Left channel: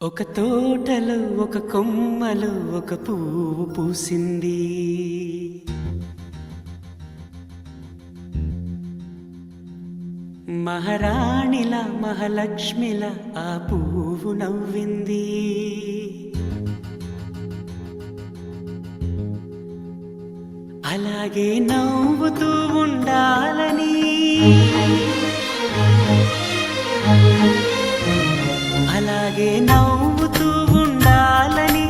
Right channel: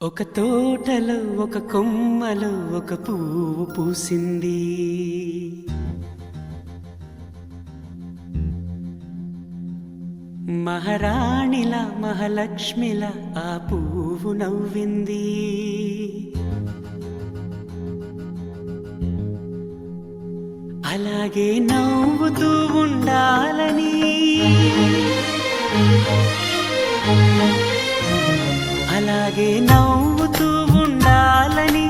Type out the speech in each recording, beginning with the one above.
ఒక తోటలో ఒక కొమ్మలో ఒక పువ్వు పూసింది. మహారాణిల మహాలక్ష్మిల ఆ పువ్వు నవ్వింది. అలాగే నవ్వుతూ ఉండాలని, అలాగే నవ్వుతూ ఉండాలని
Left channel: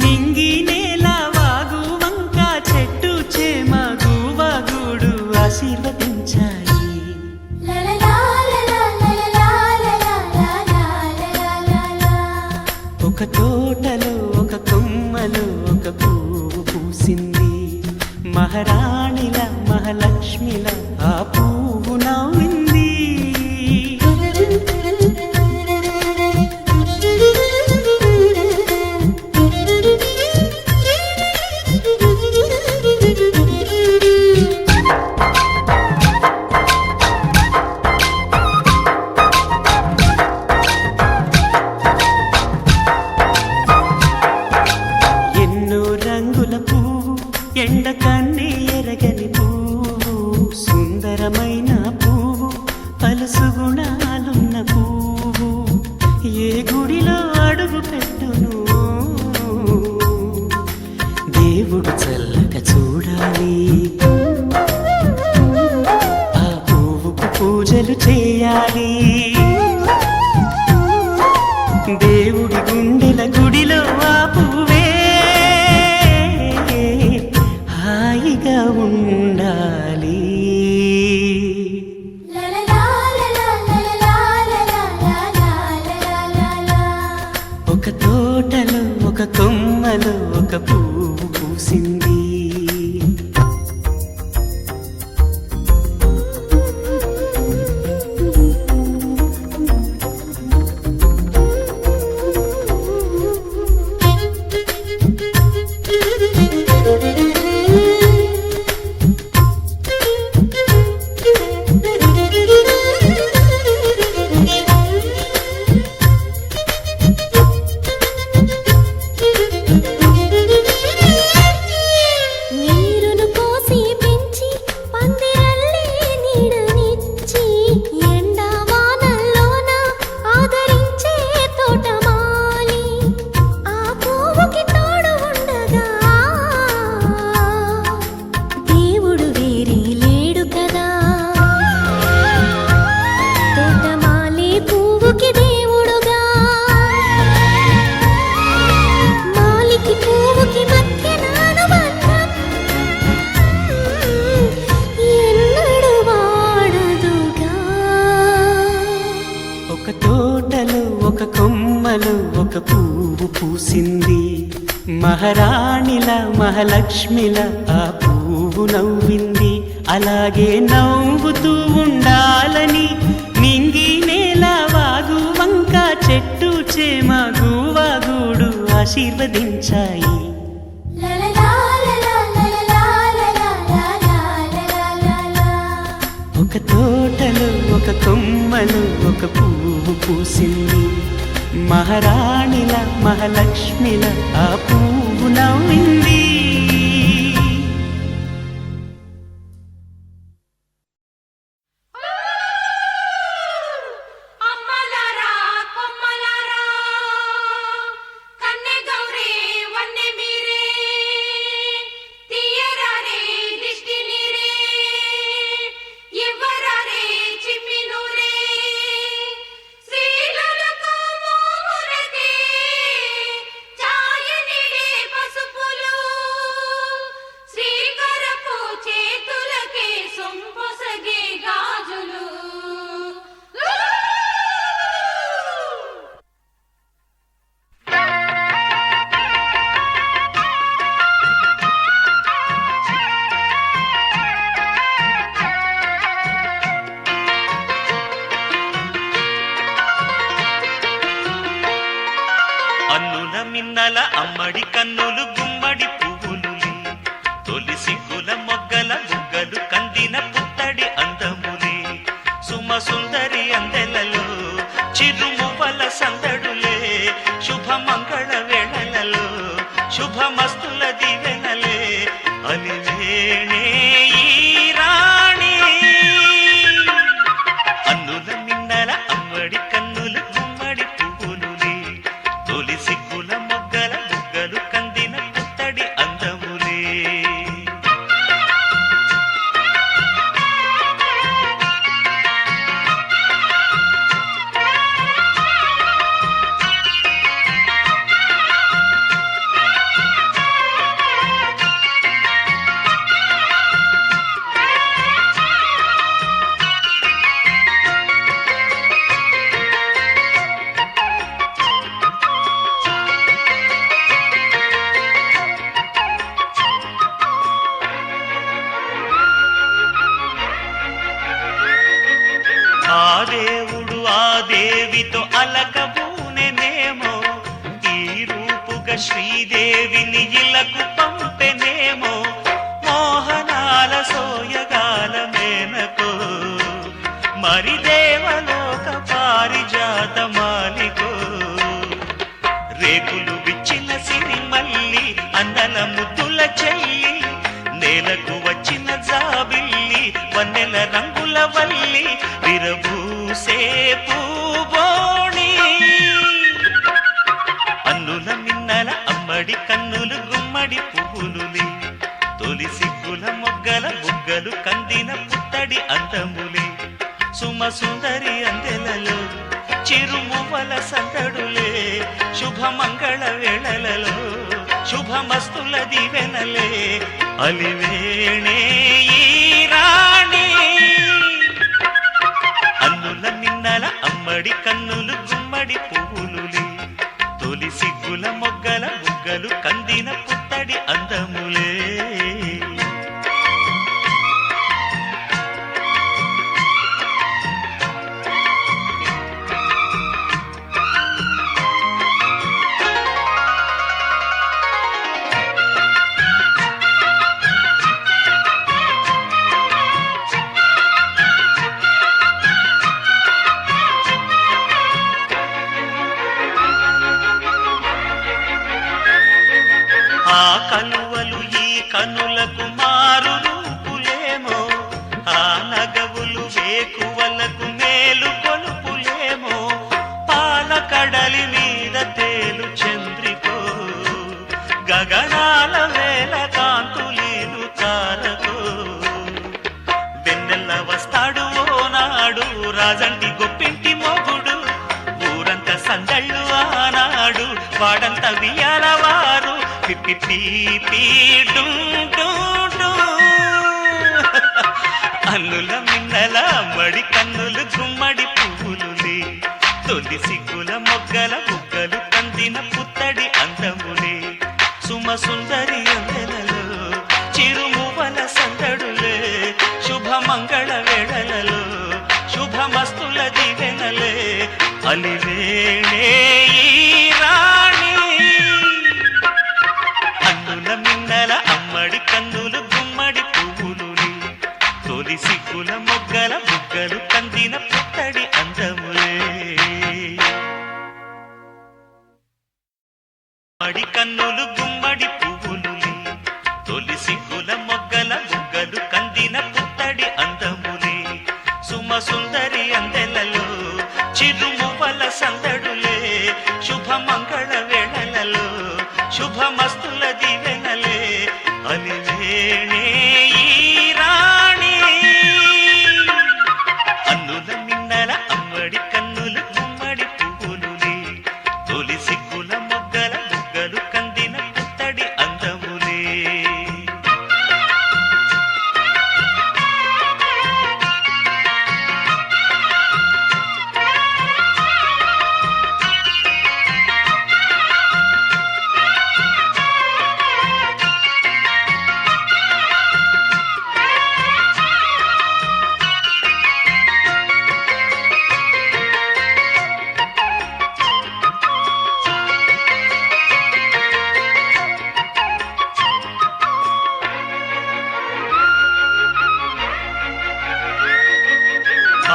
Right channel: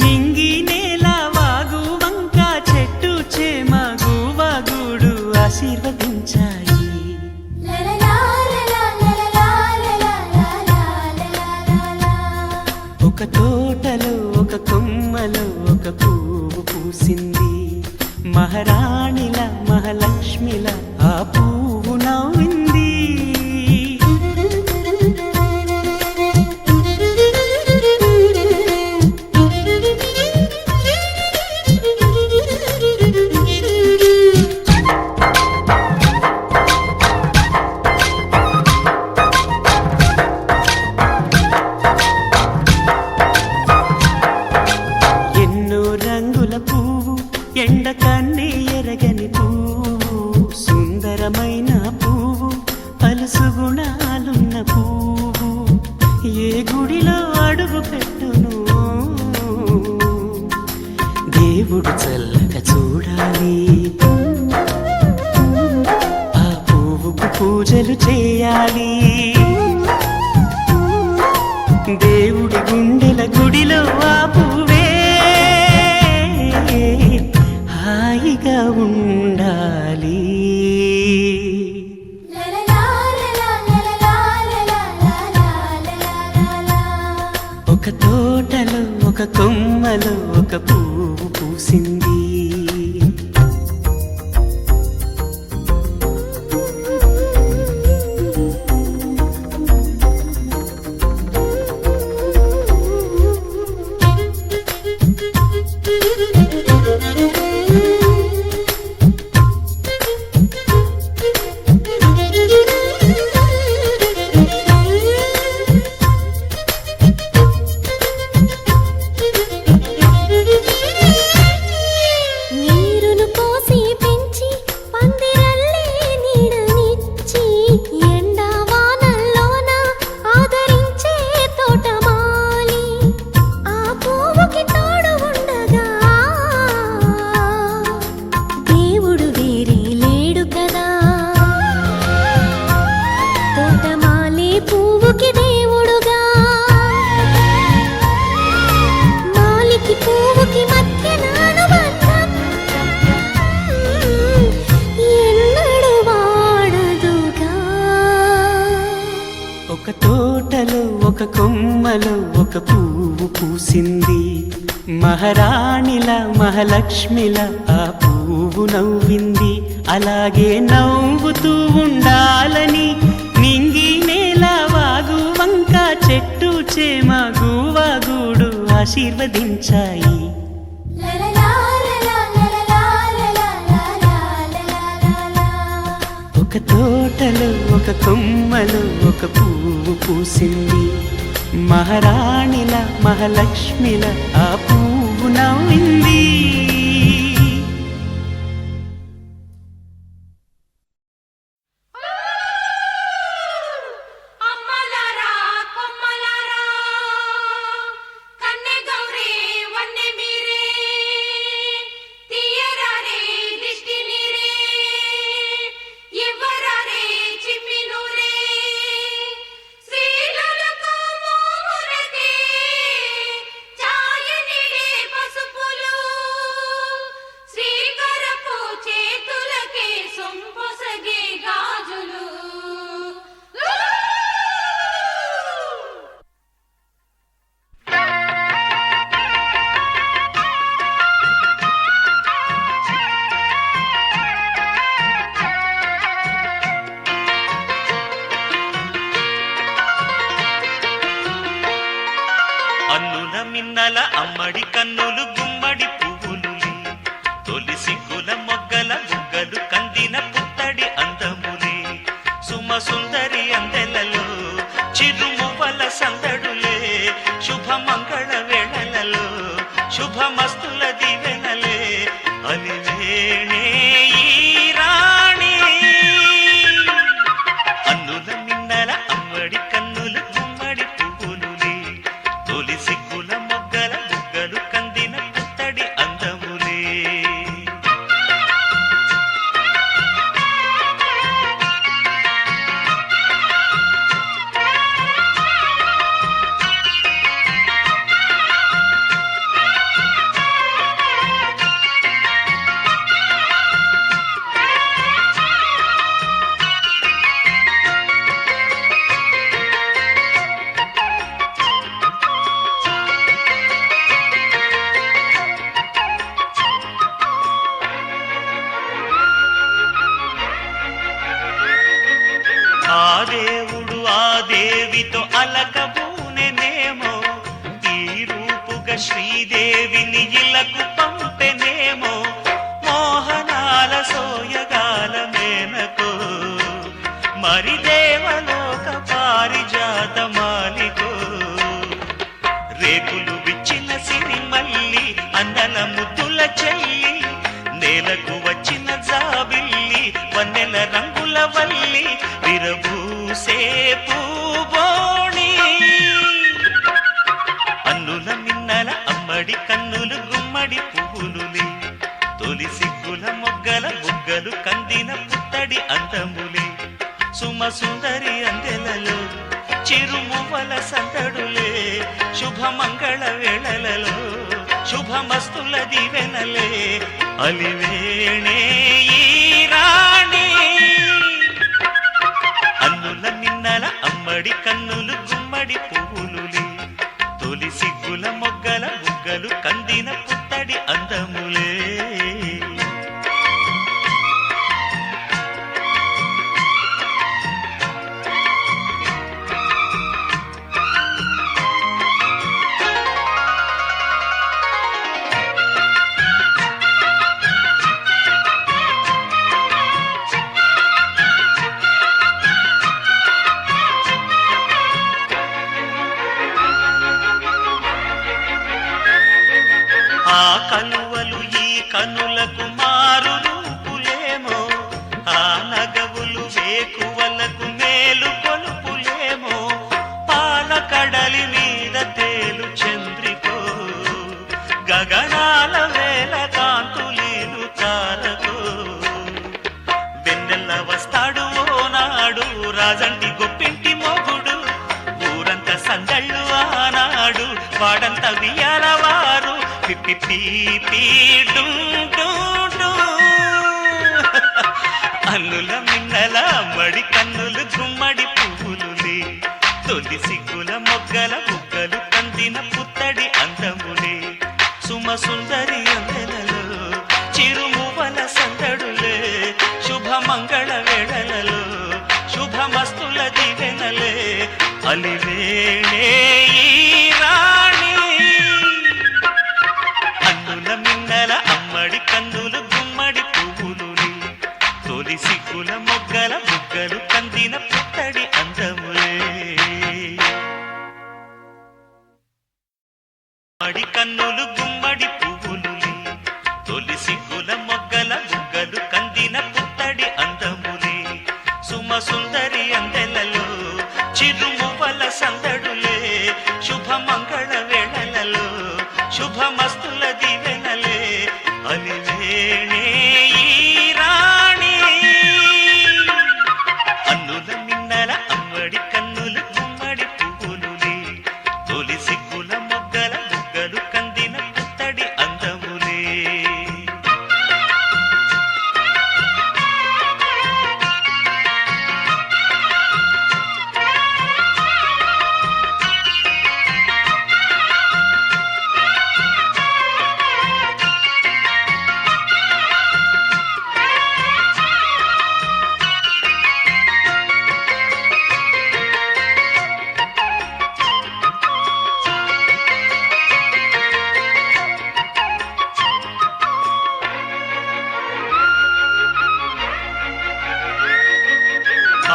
నింగి నేల వాగు వంక చెట్టు చేమ గువగుడు ఆశీర్వదించాయి. ఒక తోటలో ఒక కొమ్మలో ఒక పువ్వు పూసింది. మహారాణిల మహాలక్ష్మిల ఆ పువ్వు నవ్వింది. రంగుల పువ్వు, ఎండ కన్నే ఎరగని పువ్వు, సుందరమైన పువ్వు, పలుసు గుణాలున్న పువ్వు, ఏ గుడిలో అడుగు పెట్టును దేవుడు చల్లగా చూడాలి. ఆ పువ్వుకు పూజలు చేయాలి. దేవుడి గుండెల గుడిలో ఆ పువ్వే హాయిగా ఉండాలి. ఒక తోటలో ఒక కొమ్మలో ఒక పువ్వు పూసింది. ఒక తోటలో ఒక కొమ్మలో ఒక పువ్వు పూసింది. మహారాణిల మహాలక్ష్మిల ఆ పువ్వు నవ్వింది. అలాగే నవ్వుతూ ఉండాలని నింగి నేల వాగు వంక చెట్టు చేమ గువగుడు ఆశీర్వదించాయి. ఒక తోటలో ఒక కొమ్మలో ఒక పువ్వు పూసింది. మహారాణిల మహాలక్ష్మిల ఆ పువ్వు నవ్వింది. అన్నుల మిన్నల అమ్మడి కన్నులు గుమ్మడి పువ్వులులే, తొలి సిగ్గుల మొగ్గల బుగ్గలు కందిన పుత్తడి అందములే, సుమ సుందరి అందెలలో చిరుమువ్వల సందడులే, శుభ మంగళ వేళలలో శుభమస్తుల దివెనలే అలివేణే ఈ రాణి అన్నుల మిన్నల అమ్మడి కన్నులు గుమ్మడి పువ్వులులే తొలి సిగ్గుల మొగ్గల బుగ్గలు కందిన పుత్తడి అందములే ఆ దేవుడు ఆ దేవితో అలకబూనెనేమో ఈ రూపుగా శ్రీదేవిని ఇలకు పంపెనేమో మోహనాల సోయగాల మేనకో మరి దేవలోక పారిజాత మాలికో రేకులు విచ్చిన సిరిమల్లి అందల ముద్దుల చెల్లి నేలకు వచ్చిన జాబిల్లి వన్నెల రంగుల వల్లి విరబూసే పూబోణి అన్నుల మిన్నల అమ్మడి కన్నులు గుమ్మడి పువ్వులులే తొలి సిగ్గుల మొగ్గల బుగ్గలు కందిన పుత్తడి అందములే సుమ సుందరి అందెలలో చిరుమువల సందడులే శుభమంగళ వేళలలో శుభమస్తుల దివెనలే అలివేణే ఈ రాణి అన్నుల మిన్నల అమ్మడి కన్నులు గుమ్మడి పువ్వులులే తొలి సిగ్గుల మొగ్గల బుగ్గలు కందిన పుత్తడి అందములే ఆ కలువలు ఈ కనులకు మారు రూపులేమో ఆ నగవులు వేకువలకు మేలు కొలుపులేమో పాల కడలి మీద తేలు చంద్రికో గగనాల వేల కాంతులీలు తారకో వెన్నెల్ల వస్తాడు ఓనాడు రాజంటి గొప్పింటి మొగుడు ఊరంతా సందళ్ళు ఆనాడు వాడంత వియాలవారు పిప్పి పీపీ అన్నుల మిన్నల మడి కన్నులు గుమ్మడి పువ్వులులే తొలి సిగ్గుల మొగ్గల బుగ్గలు కందిన పుత్తడి అందములే సుమ సుందరి అందెలలో చిరుమువల సందడులే శుభమంగళ వేళలలో శుభమస్తుల దివెనలే అలివేణే ఈ రాణి అన్నుల మిన్నల అమ్మడి కన్నులు గుమ్మడి పువ్వులులే తొలి సిగ్గుల మొగ్గల బుగ్గలు కందిన పుత్తడి అందములే మడి కన్నులు గుమ్మడి పువ్వులులే తొలి సిగ్గుల మొగ్గల బుగ్గలు కందిన పుత్తడి అందములే సుమ సుందరి అందెలలో చిరుమువల సందడులే శుభమంగళ వేళలలో శుభమస్తుల దివెనలే అలివేణే ఈ రాణి అన్నుల మిన్నల అమ్మడి కన్నులు గుమ్మడి పువ్వులులే తొలి సిగ్గుల మొగ్గల బుగ్గలు కందిన పుత్తడి అందములే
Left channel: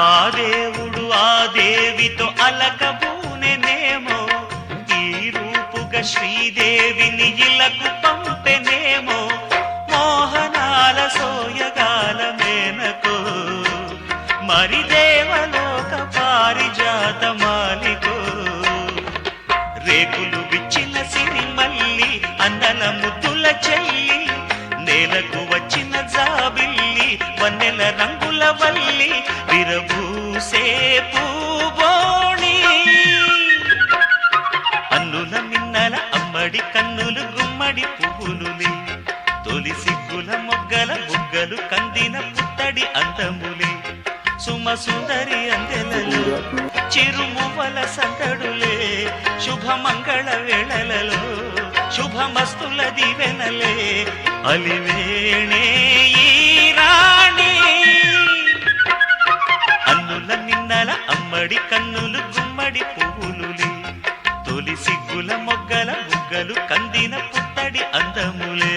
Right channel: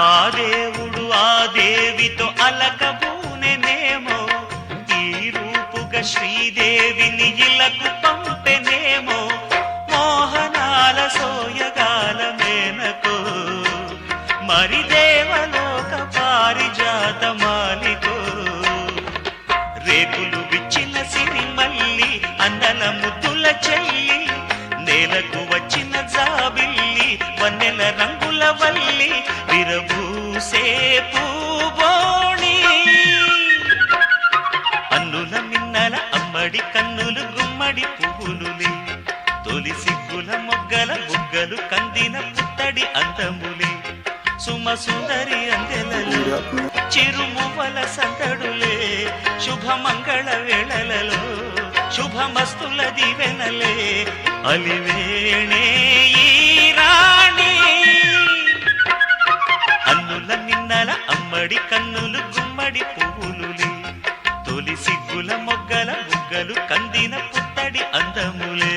ఆ దేవుడు ఆ దేవితో అలకబూనెనేమో ఈ శ్రీదేవిని ఇలకు పంపెనేమో మోహనాల సోయగాల మేనకో మరి దేవలోక పారిజాత మాలికో రేకులు విచ్చిన సిరిమల్లి అందల ముద్దుల చెల్లి నేలకు వచ్చిన జాబిల్లి వన్నెల రంగుల వల్లి విరబూసే పూబోణి అన్నుల మిన్నల అమ్మడి కన్నులు గుమ్మడి పువ్వులులే తొలి సిగ్గుల మొగ్గల బుగ్గలు కందిన పుత్తడి అందములే సుమ సుందరి అందెలలో చిరుమువల సందడులే శుభమంగళ వేళలలో శుభమస్తుల దివెనలే అలివేణే ఈ రాణి అన్నుల మిన్నల అమ్మడి కన్నులు గుమ్మడి పువ్వులులే తొలి సిగ్గుల మొగ్గల బుగ్గలు కందిన పుత్తడి అందములే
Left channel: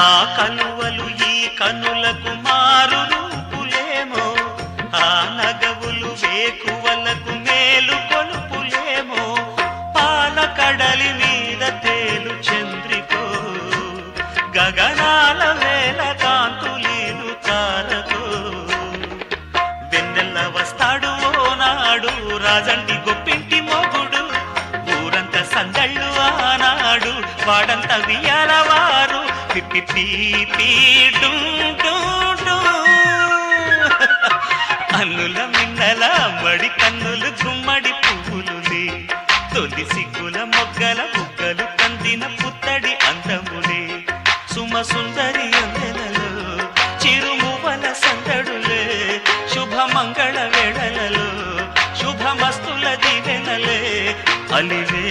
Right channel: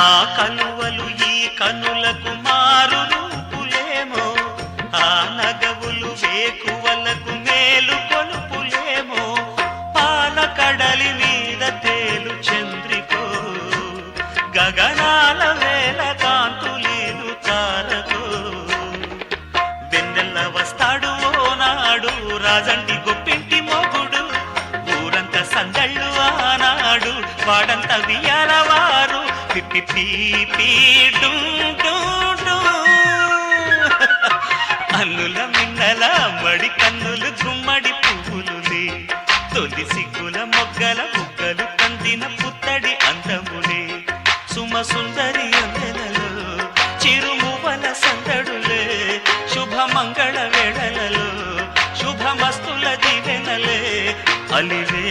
ఆ కలువలు ఈ కనులకు మారు రూపులేమో ఆ నగవులు వేకువలకు మేలు కొలుపులేమో పాల కడలి మీద తేలు చంద్రికో గగనాల వేల కాంతులీలు తారకో వెన్నెల్ల వస్తాడు ఓనాడు రాజంటి గొప్పింటి మొగుడు ఊరంత సందళ్ళు ఆనాడు వాడంత వియాలవారు అన్నుల మిన్నల మడి కన్నులు గుమ్మడి పువ్వులులే తొలి సిగ్గుల మొగ్గల బుగ్గలు కందిన పుత్తడి అందములే సుమ సుందరి అందెలలో చిరుమువల సందడులే శుభమంగళ వేళలలో శుభమస్తుల దివెనలే అలివే